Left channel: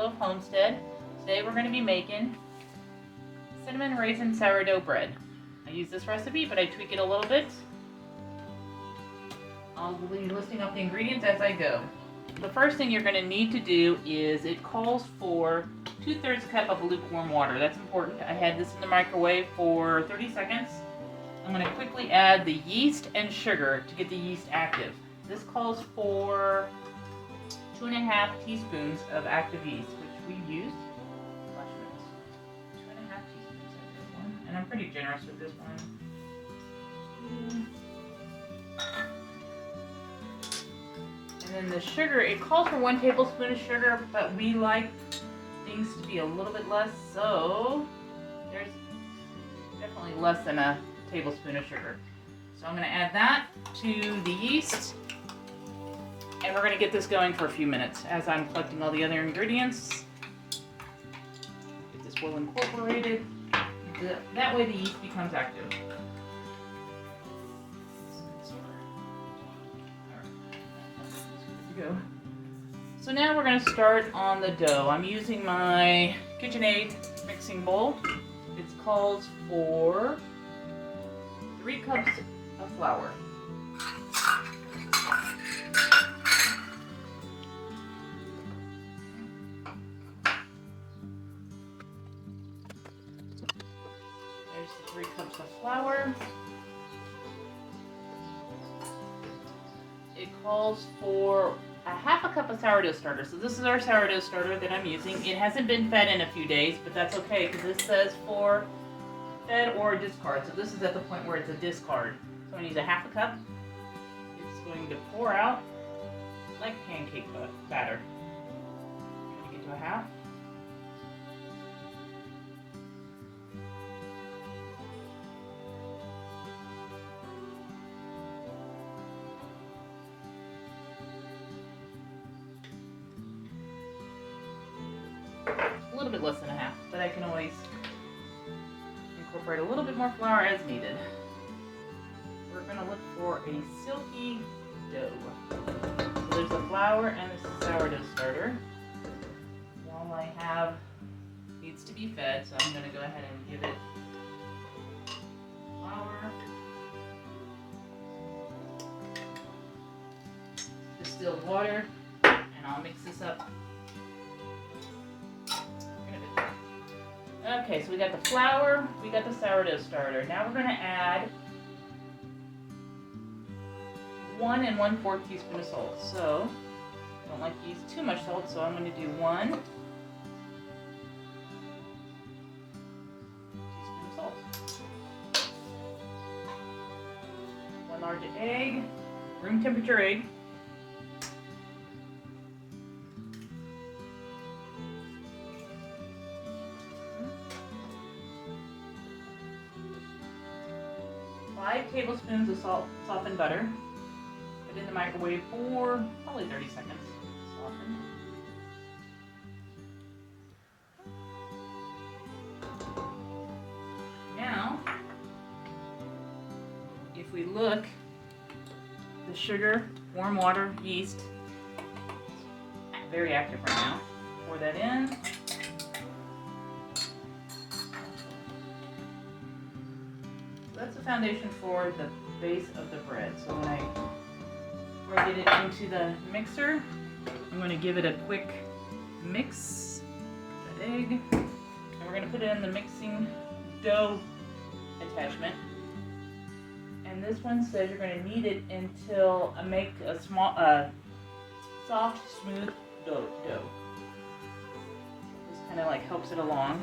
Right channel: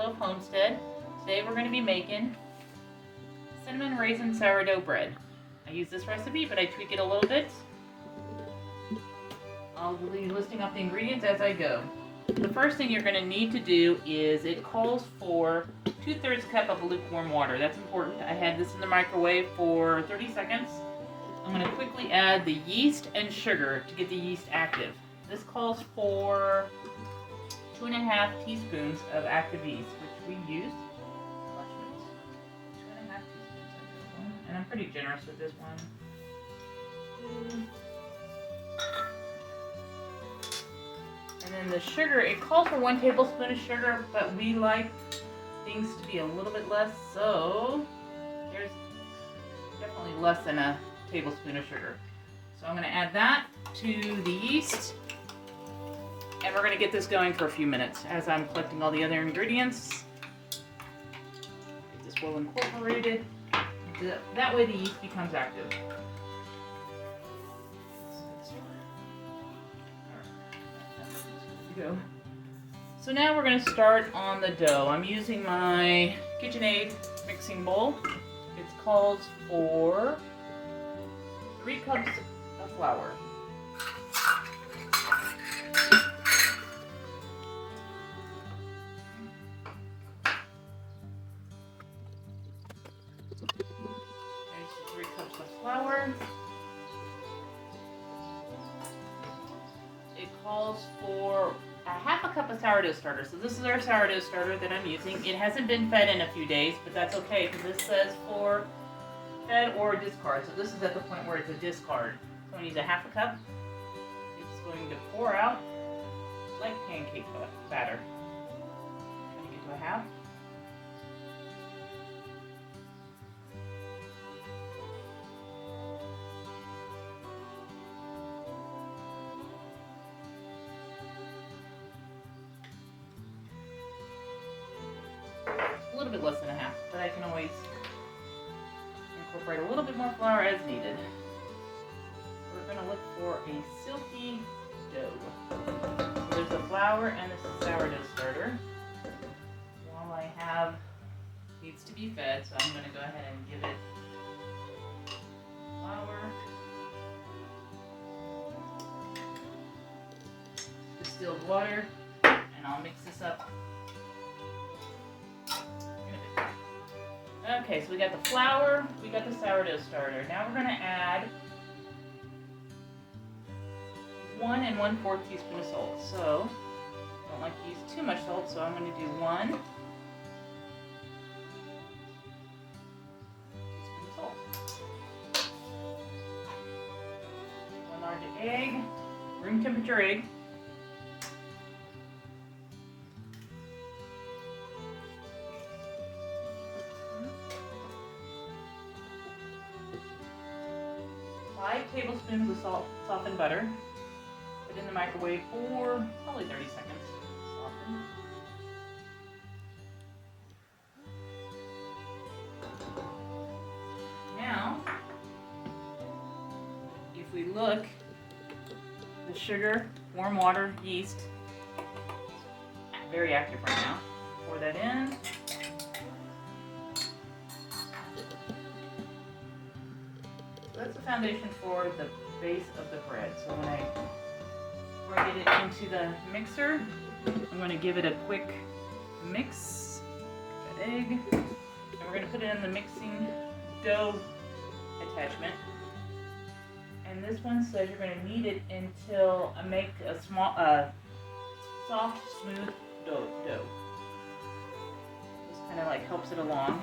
Sugarloaf Homestead. Today we're going to be making cinnamon raisin sourdough bread. I use this recipe, but I tweak it a little bit. I'll be listing up the ingredients as I go. The first thing you're going to need to do is it calls for 2/3 cup of lukewarm water. That's important. I had this in the microwave for 30 seconds. I'm going to quickly add the yeast and sugar to get the yeast active. This calls for 2.5 teaspoons of active yeast, which we use. 2.5 teaspoons, and I'm pretty generous with this one. And then the sugar, it calls for 1 tablespoon of sugar, but we like things to be a little bit less, so there's definitely less than a tablespoon of sugar. So I'm going to add that to the yeast, and we're going to get this going for a few minutes as I'm collecting all the other ingredients. Get this well incorporated. That way the yeast becomes active. Go. So now we're going to start on the dough. I'm using my KitchenAid mixing bowl. It calls for 3 cups of flour. There's 3 cups of flour. It calls for a 1/2 cup of sourdough starter. So this is our sourdough starter that I'm using. It hasn't been fed in a few days, but that's okay because this says for fed or discard. So this is at the point where it's a discard. So I'm going to use a 1/2 cup. It's going to pour out like pancake batter. I'm going to get to a 1/2. A little bit less than a 1/2, but I can always incorporate a little bit more flour as needed. We're going to look for a silky dough. So there's the flour and the sourdough starter. While I have, needs to be fed, so I'm going to go ahead and give it flour, distilled water, and I'll mix this up. Okay, so we got the flour, we got the sourdough starter. Now we're going to add 1 1/4 teaspoon of salt. So, I don't like to use too much salt, so I'm going to do 1 teaspoon of salt. 1 large egg, room temperature egg. Five tablespoons of softened butter. Put it in the microwave for probably 30 seconds. Soften. Now, if we look, the sugar, warm water, yeast, very active right now. Pour that in. That's the foundation for the base of the bread. So before I get it into the mixer, I'm going to give it a quick mix. That egg. And we're going to put it in the mixing dough attachment. And this one says you're going to knead it until make a small, soft, smooth dough. This kind of like helps it along.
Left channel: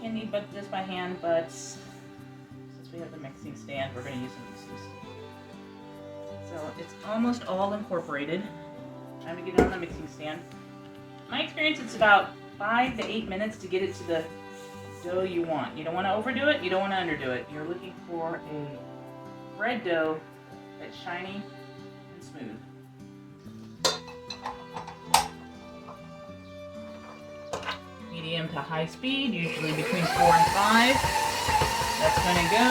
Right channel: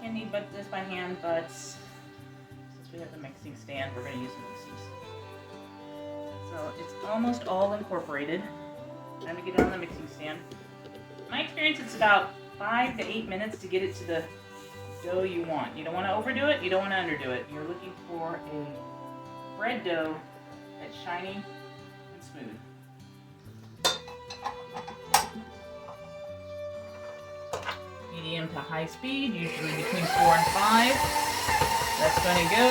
Can knead this by hand, but since we have the mixing stand, we're going to use the mixing stand. So it's almost all incorporated. Time to get it on the mixing stand. In my experience, it's about 5 to 8 minutes to get it to the dough you want. You don't want to overdo it, you don't want to underdo it. You're looking for a bread dough that's shiny and smooth. Medium to high speed, usually between 4 and 5. That's going to go.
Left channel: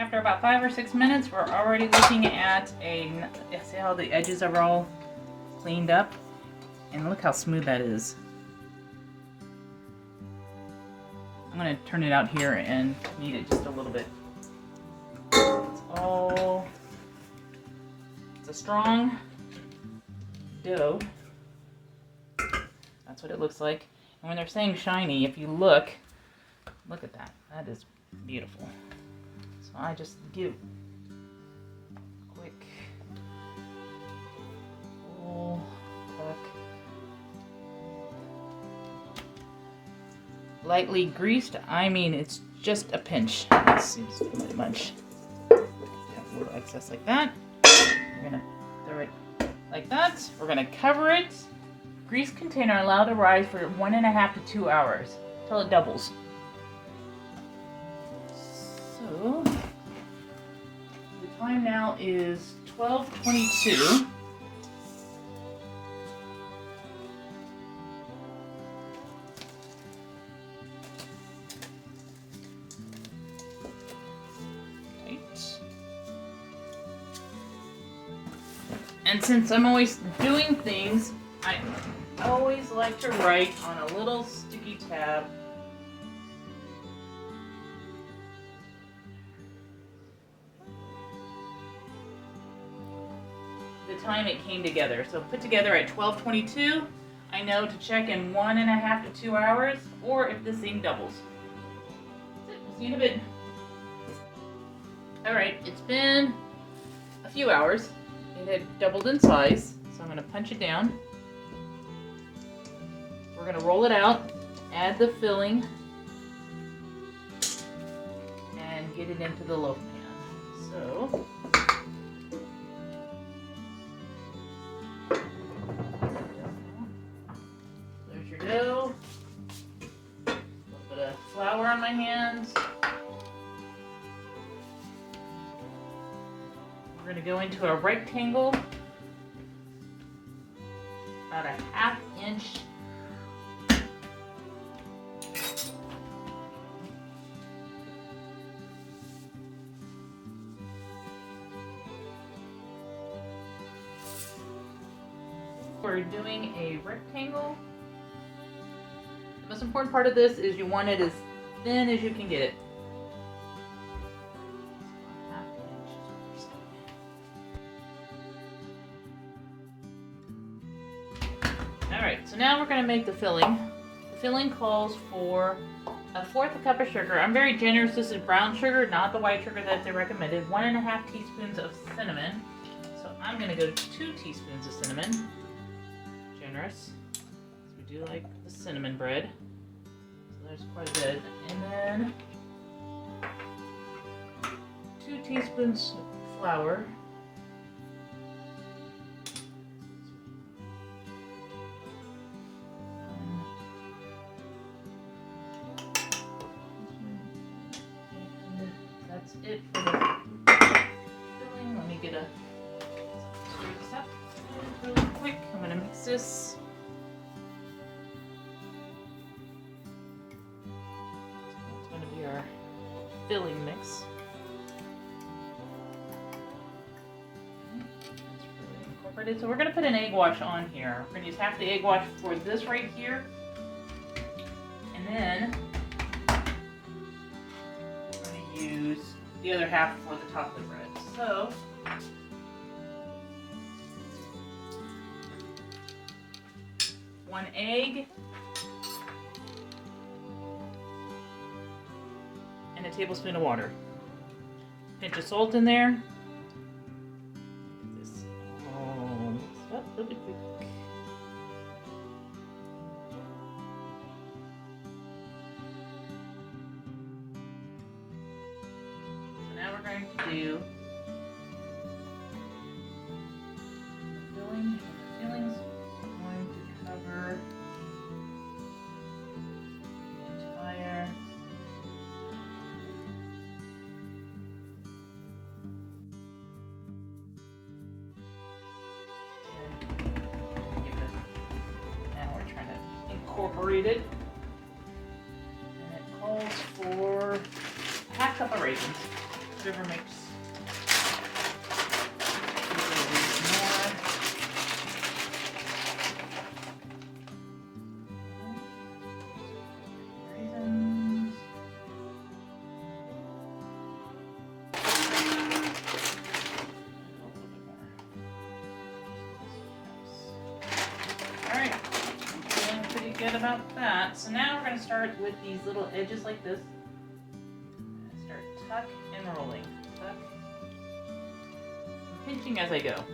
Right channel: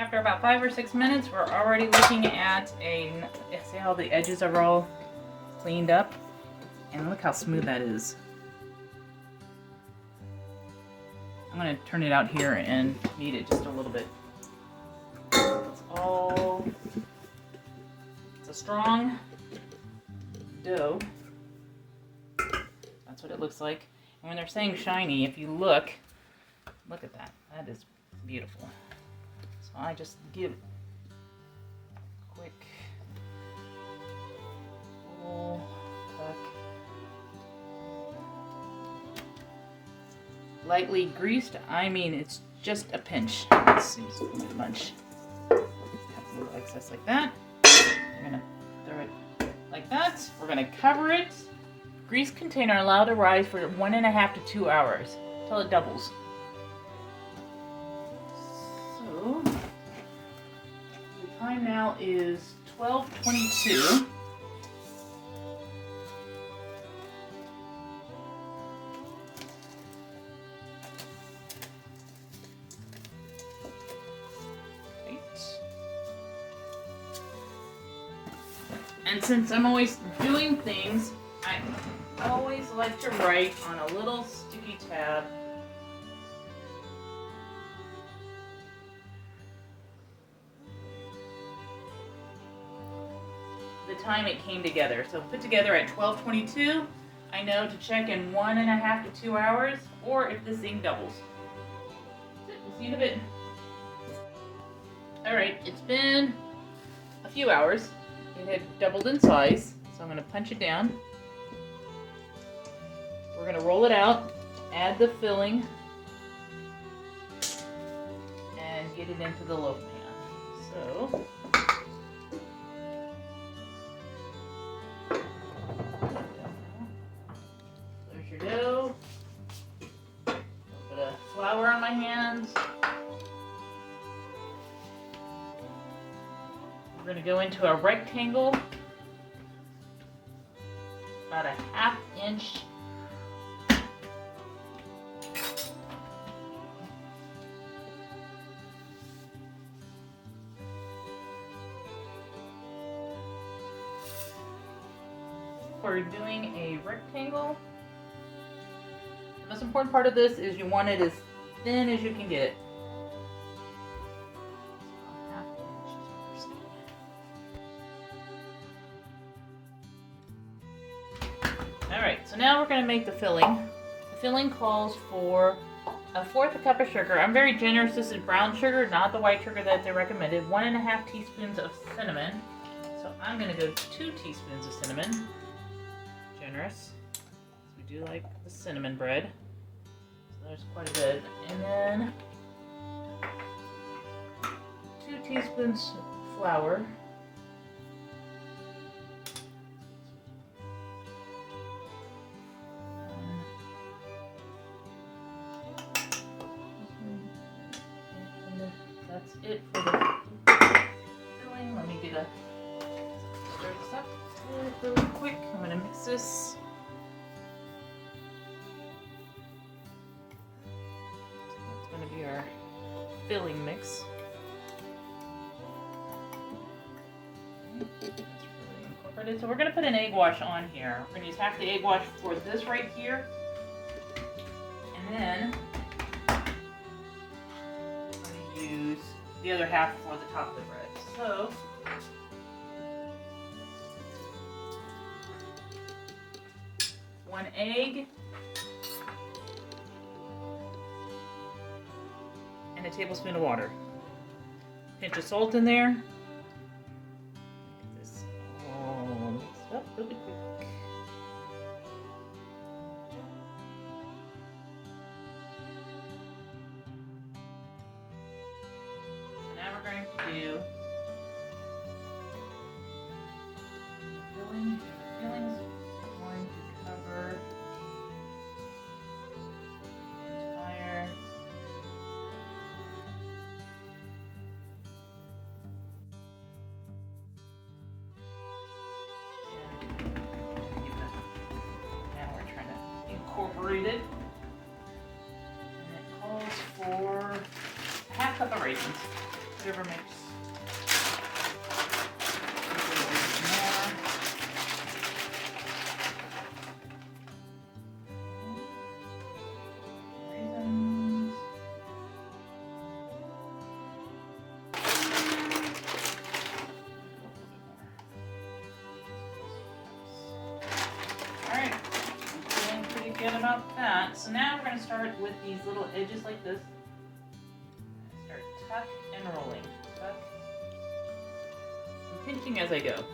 After about 5 or 6 minutes, we're already looking at see how the edges are all cleaned up? And look how smooth that is. I'm going to turn it out here and knead it just a little bit. It's a strong dough. That's what it looks like. And when they're saying shiny, if you look at that. That is beautiful. So I just give a quick full tuck. Lightly greased, I mean it's just a pinch. Let's see, just a bunch. A little excess like that. We're gonna throw it like that. We're gonna cover it. Grease container allowed to rise for 1.5 to 2 hours until it doubles. So the time now is 12:22. And since I'm always doing things, I always like to write on a little sticky tab. The time it came together. So put together at 12:22. I know to check in 1.5 to 2 hours, or if this thing doubles. We'll see you in a bit. Alright, it's been a few hours. It had doubled in size, so I'm going to punch it down. We're going to roll it out, add the filling, and get it into the loaf pan. So, there's your dough. A little bit of flour on my hands. We're going to go into a rectangle, about a 1/2 inch. We're doing a rectangle. The most important part of this is you want it as thin as you can get it. Alright, so now we're going to make the filling. The filling calls for 1/4 cup of sugar. I'm very generous. This is brown sugar, not the white sugar that they recommended. 1.5 teaspoons of cinnamon. So I'm going to go 2 teaspoons of cinnamon. Generous. We do like the cinnamon bread. So there's quite a bit. And then 2 teaspoons flour. That's it for the filling. Let me get a stir this up really quick. I'm going to mix this. That's going to be our filling mix. That's really incorporated. So we're going to put an egg wash on here. We're going to use half the egg wash for this right here. And then use the other half for the top of the bread. So one egg and a tablespoon of water. Pinch of salt in there. Get this all mixed up really quick. We're going to do feeling is going to cover the entire. Now we're trying to incorporate it. And it calls for half cup of raisins. Whatever makes raisins. Alright, I'm feeling pretty good about that. So now we're going to start with these little edges like this. Start tuck and rolling. Tuck. I'm pinching as I go.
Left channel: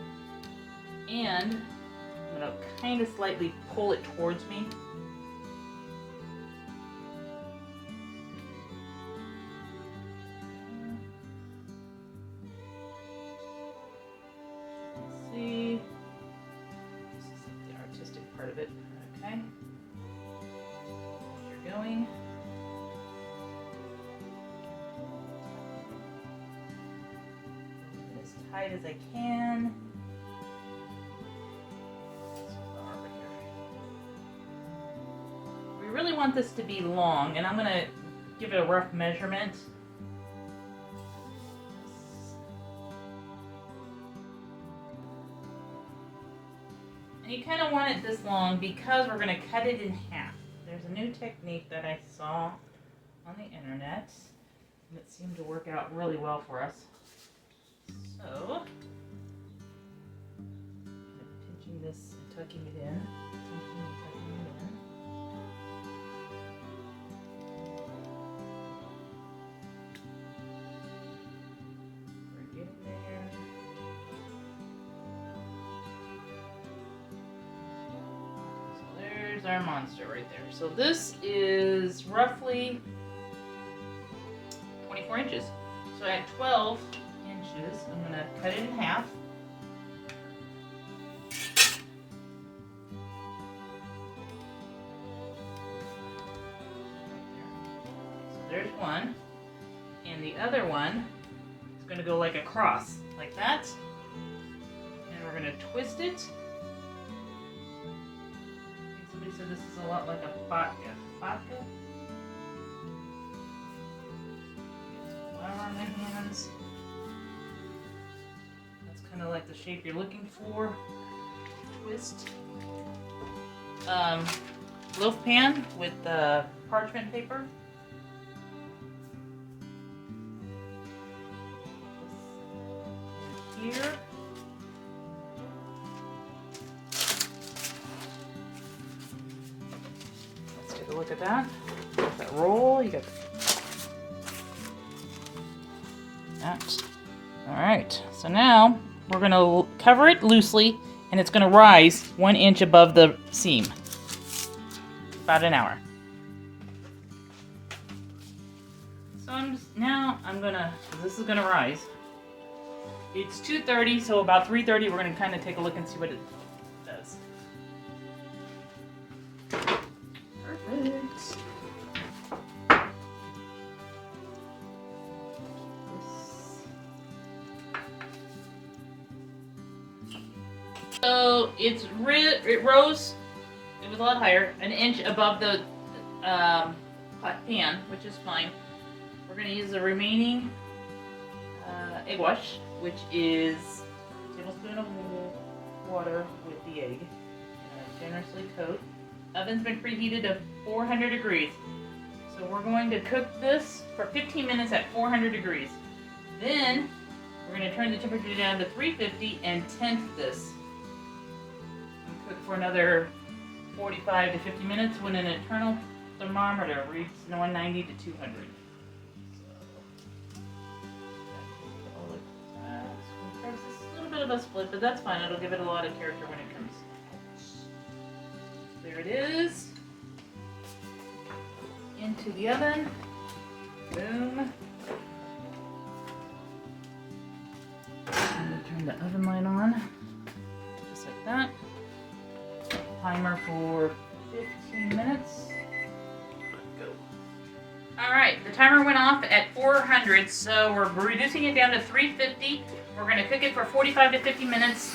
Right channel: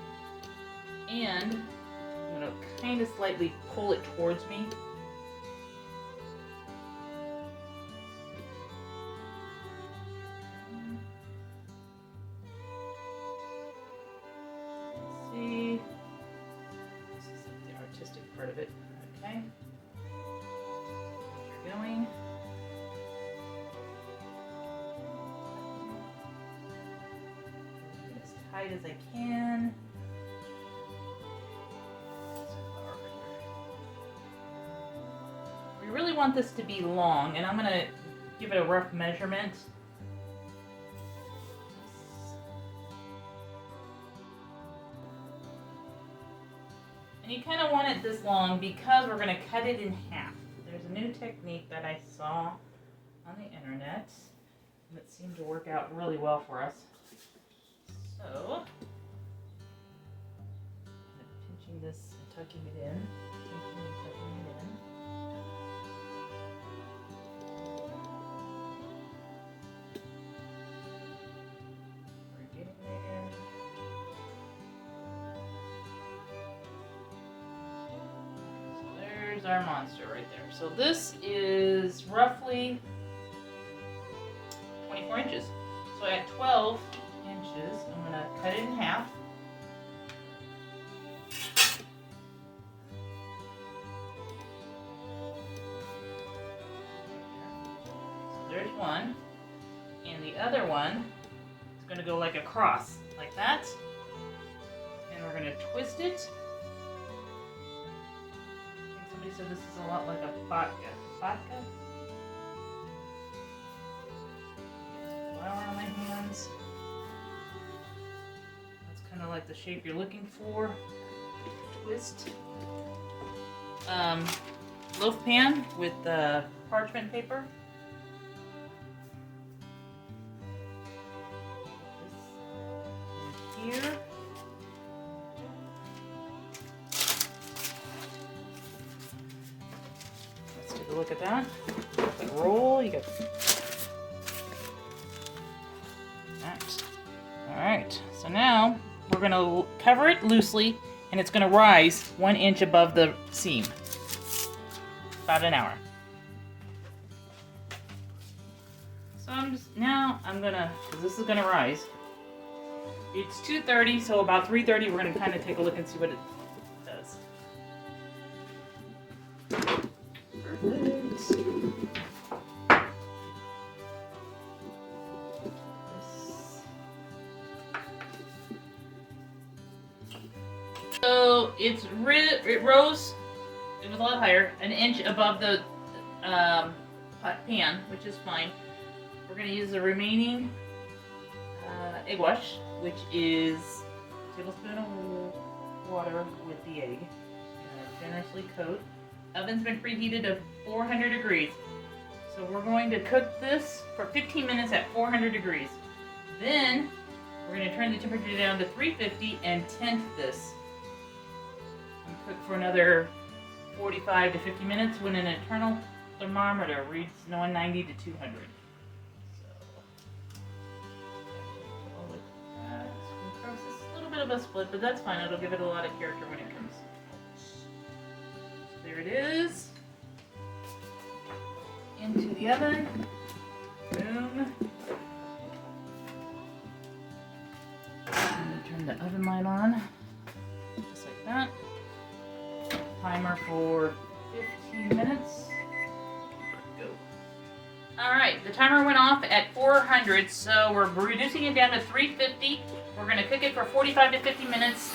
And I'm going to kind of slightly pull it towards me. See, this is like the artistic part of it. Okay, you're going. As tight as I can. We really want this to be long, and I'm going to give it a rough measurement. And you kind of want it this long because we're going to cut it in half. There's a new technique that I saw on the internet that seemed to work out really well for us. So, kind of pinching this and tucking it in. Pinching and tucking it in. We're getting there. So there's our monster right there. So this is roughly 24 inches. So at 12 inches, I'm going to cut it in half. So there's one. And the other one is going to go like across, like that. And we're going to twist it. I think somebody said this is a lot like a vodka. Vodka? Flour on my hands. That's kind of like the shape you're looking for. Twist. Loaf pan with parchment paper. This here. Let's take a look at that. Got that roll. You got that. All right. So now we're going to cover it loosely, and it's going to rise 1 inch above the seam. About an hour. So I'm gonna, this is gonna rise. It's 2:30, so about 3:30 we're gonna kind of take a look and see what it does. Perfect. So it rose. It was a lot higher, an inch above the pan, which is fine. We're going to use the remaining egg wash, which is a tablespoon of water with the egg. And generously coat. Oven's been preheated to 400 degrees. So we're going to cook this for 15 minutes at 400 degrees. Then we're going to turn the temperature down to 350 and tent this. And cook for another 45 to 50 minutes when an internal thermometer reads 190 to 200. So, it's a little bit of a split, but that's fine. It'll give it a lot of character when it comes. There it is. Into the oven. Boom. And turn the oven light on. Just like that. Timer for 15 minutes. Go. Alright, the timer went off at 400, so we're reducing it down to 350. We're going to cook it for 45 to 50 minutes.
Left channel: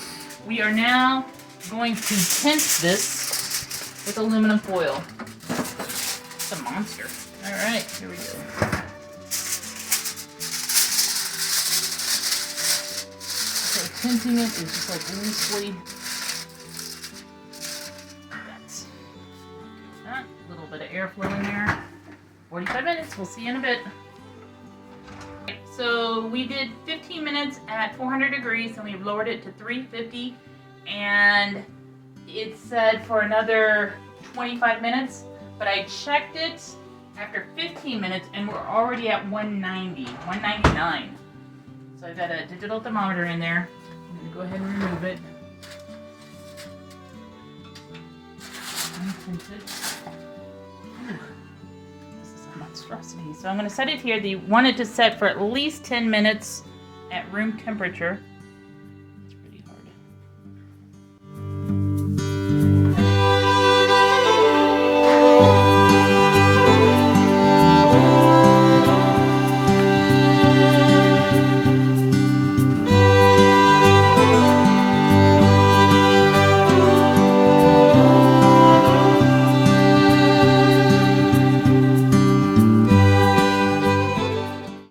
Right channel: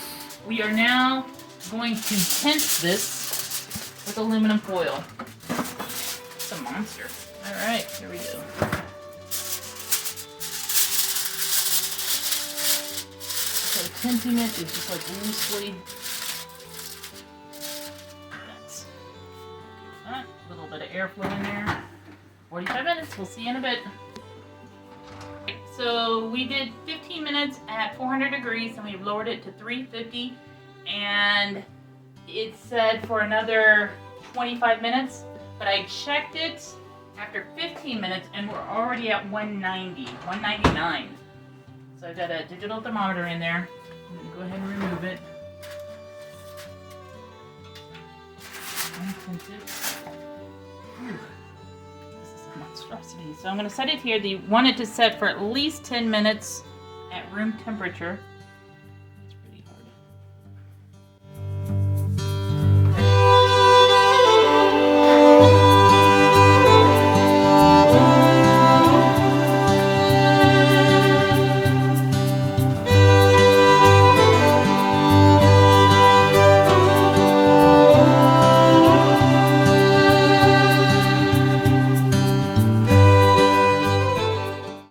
We are now going to tense this with aluminum foil. It's a monster. Alright, here we go. So tensing it is just like loosely. A little bit of airflow in there. 45 minutes. We'll see you in a bit. So we did 15 minutes at 400 degrees and we've lowered it to 350, and it said for another 25 minutes, but I checked it after 15 minutes and we're already at 190, 199. So I've got a digital thermometer in there. I'm going to go ahead and remove it. Monstrosity. So I'm going to set it here. You want it to set for at least 10 minutes at room temperature.